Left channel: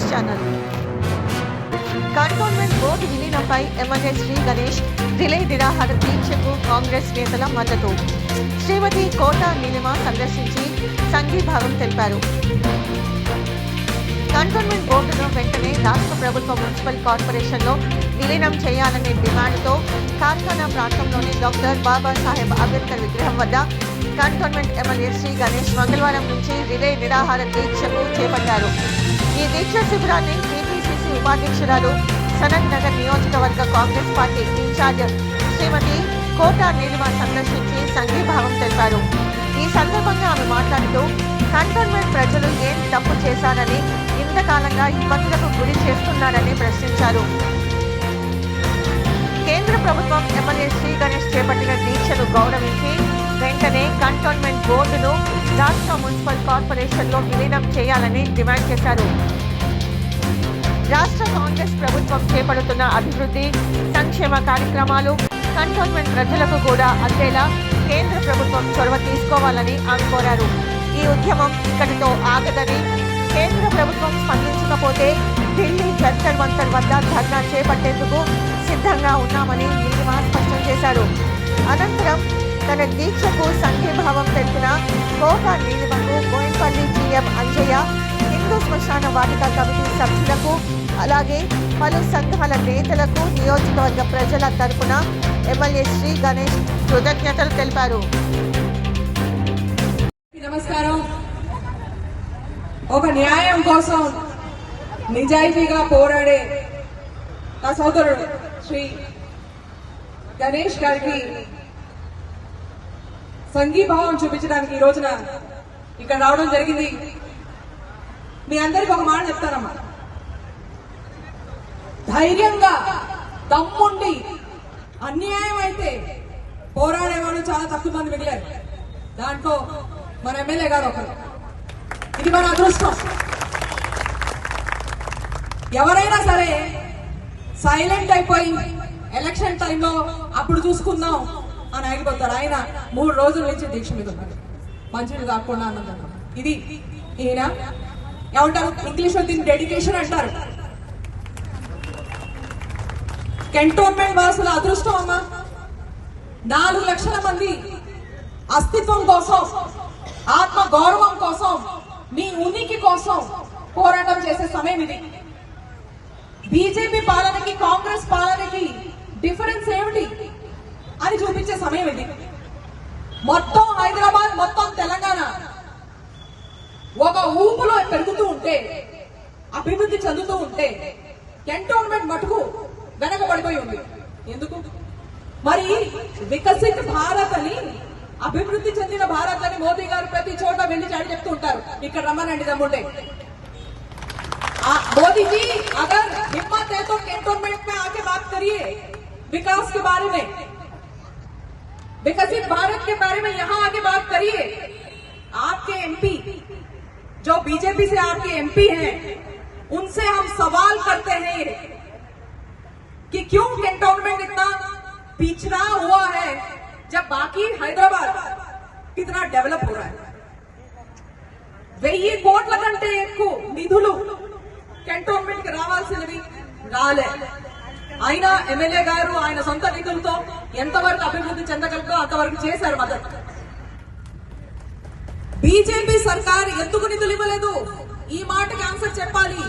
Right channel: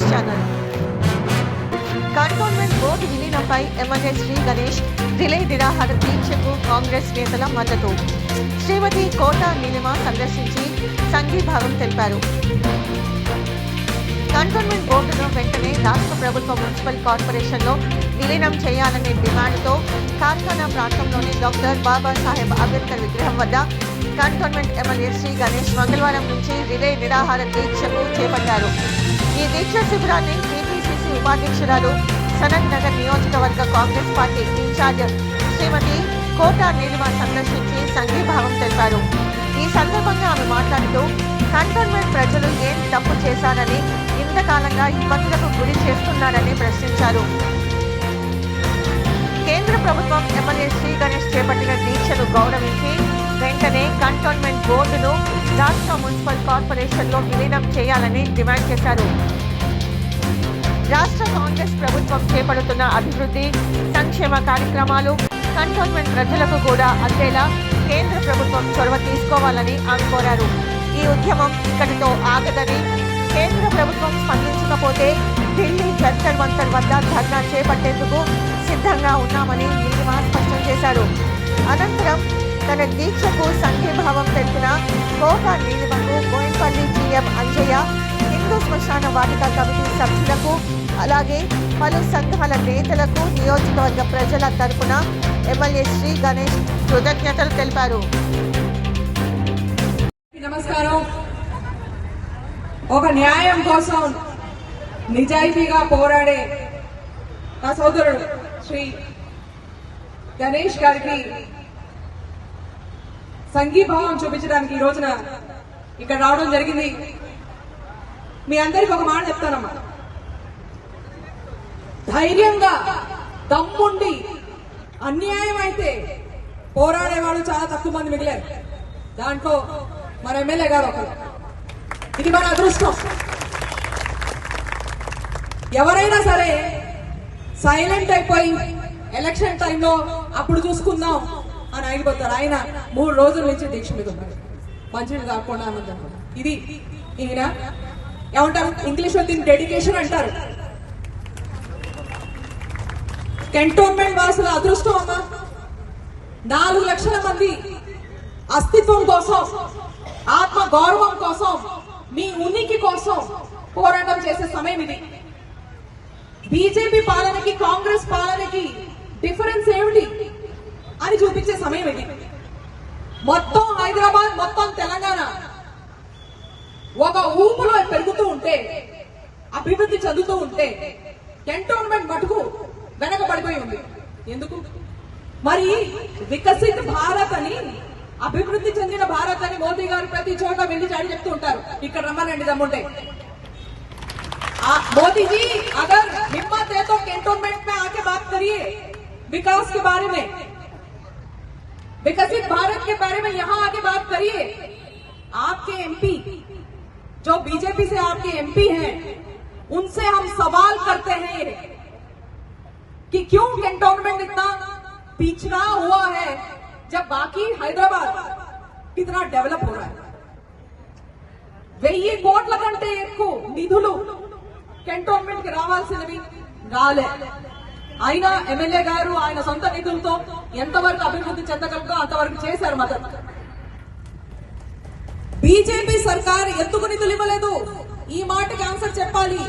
News channel. Cantonment board విలీనంపై MLA Shri Ganesh relay నిరాహార దీక్షకు కాంగ్రెస్ నేతల మద్దతు. శ్రీమతి కోట నీలిమ సందర్శించి సంఘీభావం తెలిపారు. కంటోన్మెంట్ బోర్డును వెంటనే రాష్ట్ర ప్రభుత్వ మున్సిపల్ కార్పొరేషన్లో విలీనం చేయాలనే డిమాండ్తో కార్ఖానా ప్రాంతంలోని డాక్టర్ బాబాసాహెబ్ అంబేద్కర్ విగ్రహం వద్ద కంటోన్మెంట్ ఎమ్మెల్యే శ్రీ గణేష్ మంగళవారం నుంచి రిలే నిరాహార దీక్షకు చేపట్టారు. ఈ దీక్ష శిబిరాన్ని టీపీసీసీ ఉపాధ్యక్షురాలు సనత్ నగర్ నియోజకవర్గ కాంగ్రెస్ పార్టీ ఇన్ఛార్జ్ శ్రీమతి కోట నీలిమ సందర్శించి సంఘీభావం తెలిపారు. ఈ సందర్భంగా ఆమె మాట్లాడుతూ కంటోన్మెంట్ ప్రజలు ఏం తప్పు చేశారని, ఇంతకాలంగా ఇబ్బందులకు గురి చేస్తున్నారని ప్రశ్నించారు. కేంద్ర ప్రభుత్వం ఎమ్మెల్యే శ్రీ గణేష్ చేపట్టిన దీక్షను గౌరవించి వెంటనే కంటోన్మెంట్ బోర్డును రాష్ట్ర మున్సిపల్ కార్పొరేషన్లో విలీనం చేయాలని డిమాండ్ చేశారు. రాష్ట్ర కాంగ్రెస్ ప్రభుత్వం చేపడుతున్న అభివృద్ధి సంక్షేమ కార్యక్రమాలు కంటోన్మెంట్ ప్రజలకు కూడా అందేలా కేంద్ర ప్రభుత్వం చొరవ తీసుకోవాలని ఆమె కోరారు. ఈ ఉద్యమం ఇక్కడితో ఆగదని, కేంద్ర ప్రభుత్వం స్పందించకపోతే ఢిల్లీ జంతర్ మంతర్ వద్ద ధర్నా చేపట్టేందుకు సిద్ధంగా ఉన్నామని నీలిమ స్పష్టం చేశారు. అనంతరం తన దీక్షకు సంఘీభావం తెలిపిన కోట నీలిమకు బోయిన్పల్లి జీఎం అంజయ్య, హిందూ శ్మశాన వాటిక కమిటీ సభ్యులకు, అలాగే పలు సంఘాల నేతలకు నియోజకవర్గ ప్రజల తరపున ఎమ్మెల్యే శ్రీ గణేష్ కృతజ్ఞతలు తెలిపారు. నమస్కారం. ఒక న్యాయం కోసం నిజాయితీగా పోరాడే నా సోదరుడు శ్రీ గణేష్ గారికి సంఘీభావం చూపించడానికి ఈ రోజున ఇక్కడ రావడం జరిగింది. మీ అందరికీ ఒక మాట చెప్తానమ్మా, ధైర్యంగా దమ్ముండి అన్యాయం అయితే పోరాడేవాళ్ళు చాలా తక్కువ మంది మిగిలారు. దాంట్లో మన ఎమ్మెల్యే గారు ఒకరు. ఇది మన అదృష్టం. ఎవరైనా సరే సైలెంట్ అయిపోయి ఎలక్షన్ టైంలో అప్పుడు చూసుకుందాం అని ఆగిపోతారు. ఆయన 3 రోజుల నుంచి దీక్ష మీద ఉన్నారు, మంచిది కాకుండా అన్నది. ఇది ఈయన ఏమంటారు, ఇంగ్లీష్ లో దీన్ని డెడికేషన్ అంటారు. కంటోన్మెంట్ వాసుల అదృష్టం అమ్మా. 4 లక్షల మంది అస్తిత్వం కోసం, ఆత్మ గౌరవం కోసం, మీ ఉనికి కోసం పోరాటం చేసే సమయం ఇది. బీజేపీ పాలనకి కాంగ్రెస్ పాలనకి డిఫరెన్స్ ఏమిటి అని చూపించే సమయం ఇది. మొత్తం హైదరాబాద్, మొత్తం తెలంగాణ ఒక ఊపులో పెరుగుతూ ఉంటే, అభివృద్ధి చెందుతూ ఉంటే, కంటోన్మెంట్ మటుకు వెనకబడిపోయి ఉంది. ఎందుకు మరి? వికసిత భారత్ అని, అభివృద్ధి చెందిన భారత్ అని మోదీ గారు ప్రతి చోట వెళ్ళి చాటి చెప్తూ ఉంటారు. ఇక్కడ రమ్మనండి దమ్ముంటే. मोदी जी अगर हिम्मत है तो कैंटोनमेंट में आके बात करिए विकास के बारे में, विकसित भारत के बारे में यहाँ आके बात करिए. आपके एमपी जो बीजेपी से आपके एमपी हैं, उनसे हम सवाल करते हैं कि क्यों कैंटोनमेंट इतना पिछड़ा हुआ है जब बाकी हैदराबाद कितना डेवलप हो रहा है. 1000 కోట్ల కంటే ఎక్కువ నిధులు కంటోన్మెంట్ కి రావాల్సినవి రాలే. అయినా ఎమ్మెల్యే గారు ఆయన సొంత నిధులతో ఎంతవరకు అభివృద్ధి చెందగలదో అంతవరకు చేశారు. మద్దతు బీజేపీ సర్కార్ ఎందుకు నిధులు ఇవ్వలేదు? ఈ మాటకి ఆన్సర్ చెప్పాలి.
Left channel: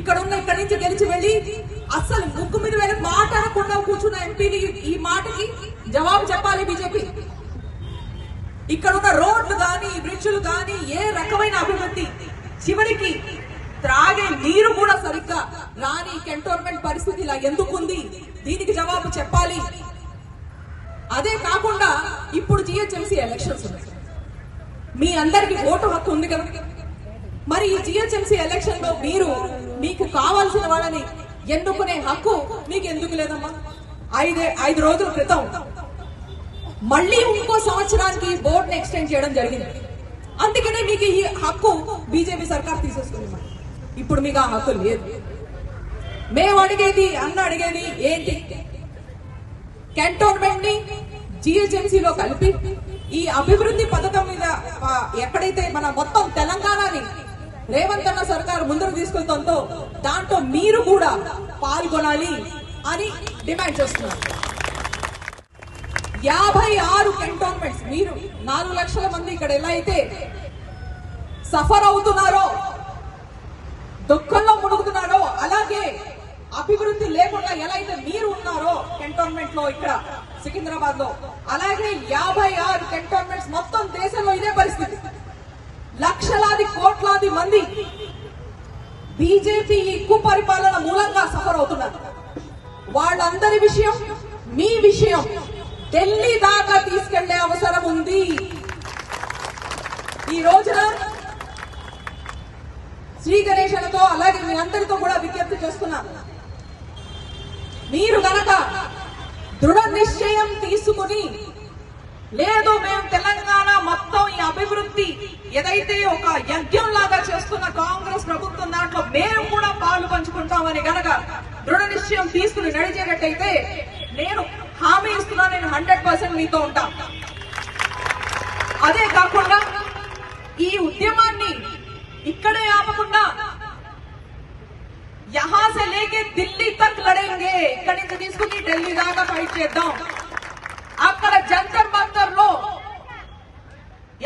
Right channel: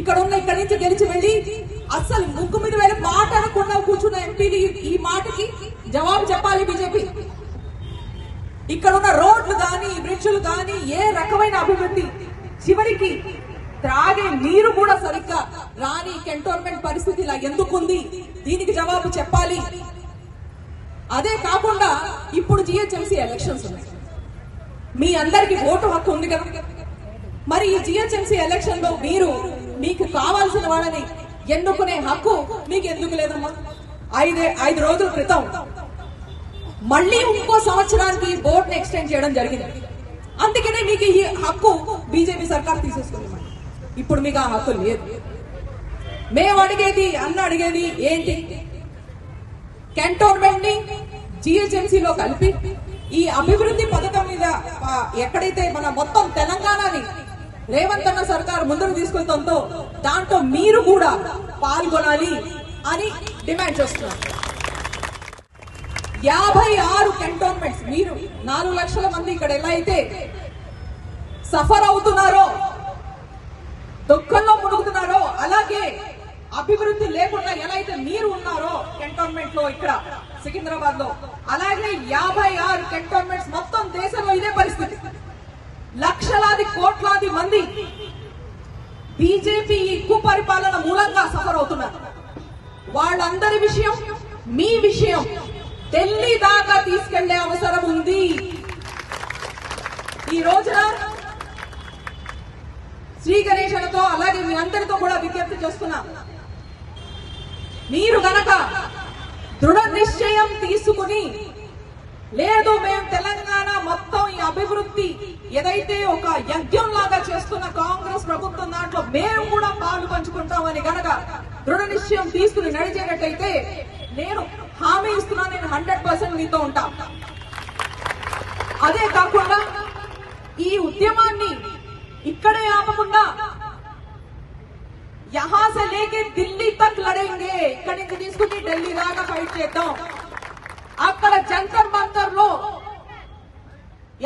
ఇక్కడి నుంచి గెలిచి వెళ్ళి అస్సలు ముక్కు మీద వెళ్ళి మాట్లాడకుండా కూర్చున్న ఎంపీని ఈ మాటకి జవాబు చెప్పాలి బీజేపీ. ఇక్కడున్న రోడ్లు గాని, బ్రిడ్జ్లు గాని, ఏ రకమైన అభివృద్ధి, చివరికి త్రాగే నీరు కూడా సరిగ్గా రాని కంటోన్మెంట్ పరిస్థితి ఇలా ఎందుకుంది? దీనికి జవాబు చెప్పాలి. అదే కాకుండా ఇప్పుడు జిహెచ్ఎంసీ ఎలక్షన్స్ ఉన్నాయి. మీ అందరికి ఓటు హక్కు ఉంది కదా. మరి ఈ జిహెచ్ఎంసీ ఎలక్షన్ లో మీకు కావాల్సిన వాళ్ళని ఎన్నుకునే హక్కు మీకు ఎందుకు లేదమ్మా? 5 రోజుల క్రితం మళ్ళీ ఇంకో సంవత్సరానికి బోర్డుని ఎక్స్టెండ్ చేయడం జరిగింది. అందుకనే మీకు ఈ హక్కు బీజేపీ సర్కార్ తీసేస్తుంది. ఇప్పుడు మీకు ఆ హక్కు లేదు. మేము అడిగేది, అడిగేది ఏంటి? కంటోన్మెంట్ ని జిహెచ్ఎంసీలో కలిపి ఈ అభివృద్ధి పథకం మీద ఎక్కడైతే మన మొత్తం తెలంగాణని రేవంత్ అన్న సర్కార్ ముందుకు తీసుకెళ్తుందో దాంట్లో మీరు కూడా పాల్గొనాలి అని డిమాండ్ చేస్తున్నారు. 56 కంటోన్మెంట్స్, మీరు 4 లక్షల మంది ఇక్కడ ఎలా అయితే సఫర్ అవుతున్నారో, దుఃఖంలో మునుగుతున్నారో, అలాగే అభివృద్ధి లేకుండా ఎలా అయితే మీరు ఉన్నారో కంటోన్మెంట్ లో ఇక్కడ సికింద్రాబాద్ లో, అలాగే 56 కంటోన్మెంట్స్ మొత్తం దేశంలో ఇదే పరిస్థితి. లక్షలాది కోట్లాది మంది బీజేపీ కుపరిపాలన మూలంగా సఫర్ అవుతున్నారు. వాళ్ళందరి విషయం, మీ విషయం ఢిల్లీ దాకా తీసుకెళ్లే అవసరం ఉంది. ఈ రోజున శ్రీ గణేశనతో అలాగే మీరందరితో కూడా విజ్ఞప్తి చేస్తున్నా, మీరు గనక దృఢ నిశ్చయం తీసుకుని, లేదు మేము తెలంగాణ మొత్తం ఈ అభివృద్ధి ఏదైతే ఒక యజ్ఞం లాగా చేస్తున్న కాంగ్రెస్ ప్రభుత్వం దాంట్లో మేము కూడా పాలు పంచుకుంటామని గనక దృఢ నిశ్చయం తీసుకుని నడిచేటట్టయితే నేను హామీ ఇస్తున్నా, నేను 100% మీతో ఉంటా. అదే కాకుండా ఈ ఉద్యమాన్ని ఇక్కడే ఆపకుండా యహా సే లేకే ఢిల్లీ తక్ లడేంగే, ఇక్కడి నుంచి తీసుకుని ఢిల్లీ దాకా ఫైట్ చేద్దాం. అక్కడ జంతర్ మంతర్ లో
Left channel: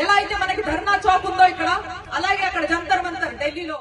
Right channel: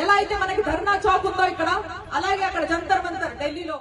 ఎలా అయితే మనకి ధర్నా చౌక్ ఉందో ఇక్కడ, అలాగే అక్కడ జంతర్ మంతర్ ఢిల్లీలో